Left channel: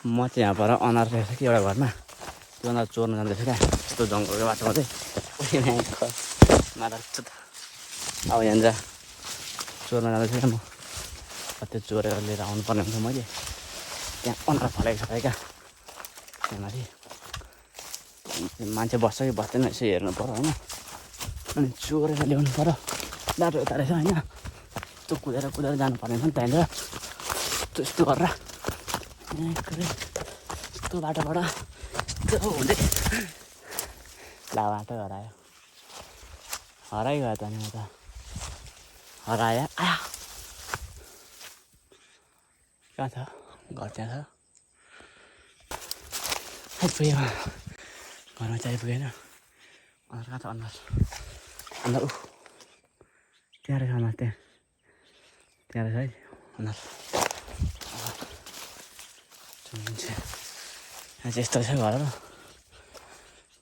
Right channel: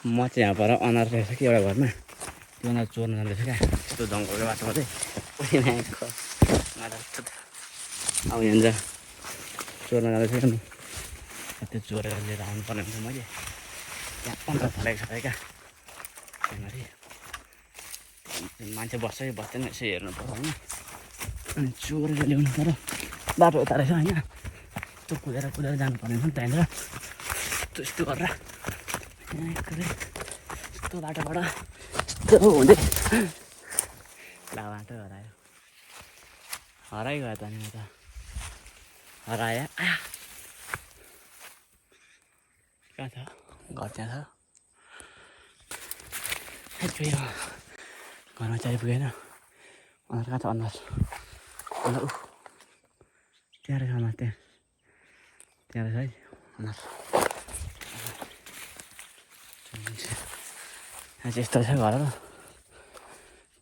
म चाहिँ यहाँ पर अनार रहेछ कि एउटा घरमा त्यो अनार चोर्न जाँदैछ क्या त्यो जङ्गलको बाटोमा चाहिँ अब यहाँनिर चोर्न जाँदैछु क्या म त्यो चोरेर लिएर आउनु पर्ने हुन्छ मैले त्यहाँ अनार फलेको छ क्या त्यहाँ माथि मान्छे बस्छ कि बस्दैन यसो हेर्नु पर्यो होइन अनि चोरेर ल्याउनु पर्यो बाटो यता रहेछ होइन त्यो कुदेर जानुपर्ने हुन्छ त्यहाँनिर त्यस्तो गरेर यस्तो बाटोबाट त्यो हुँदै ला बाटो हरायो त नि त हरायो कहाँ छ घर त्यहाँ छ सबै घरमा चाहिँ आइपुगेन अन्त कहाँ छ अन्दाज त्यहाँ रहेछ अन्दाज त्यहाँ रहेछ है अन्दाज यहाँ चाहिँ यस्तो छ घरहरू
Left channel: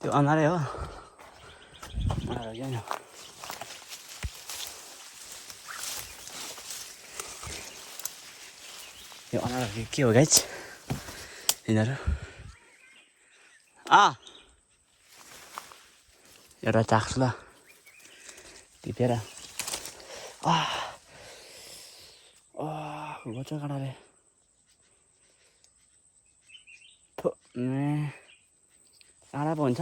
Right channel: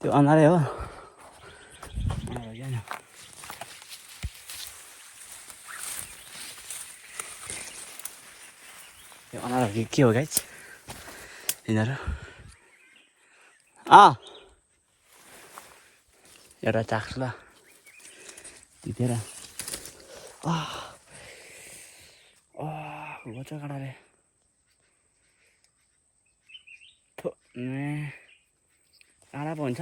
त्यो अनारै हो किन यो अनारहरू के हो गाइज यिनीहरू एउटा चाख्छु ल टिपेर गोचा काँडाले काँडा पो हुन्छ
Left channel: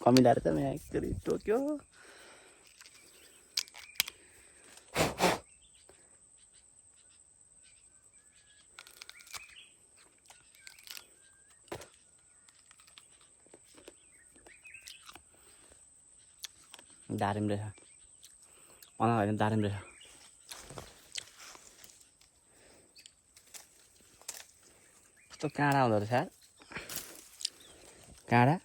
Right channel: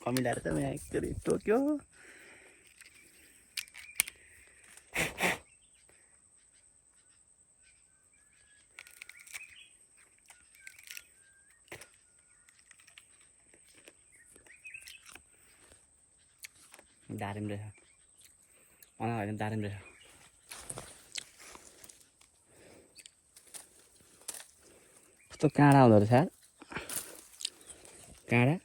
कमिलाएर त यहाँ एकचोटि टोक्यो दारिम रहेछ अनार होइन दारिम रहेछ यस्तो काँडा हुँदो रहेछ काँडा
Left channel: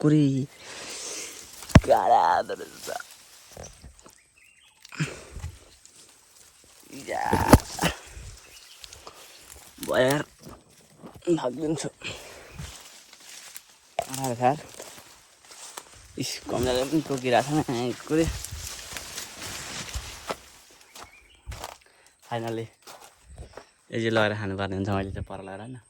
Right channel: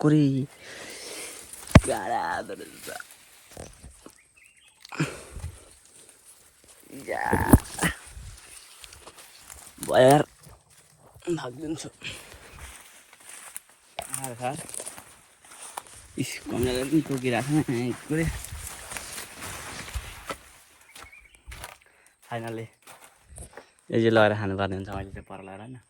कुरी काँडा हुँदो रहेछ भएर भागिदिन्छु कमलाले पनि टोकिरहेको छ कुरे फाइनली यही लगाएर खानुपर्ने हुन्छ मैले चाहिँ पर लगाएर होइन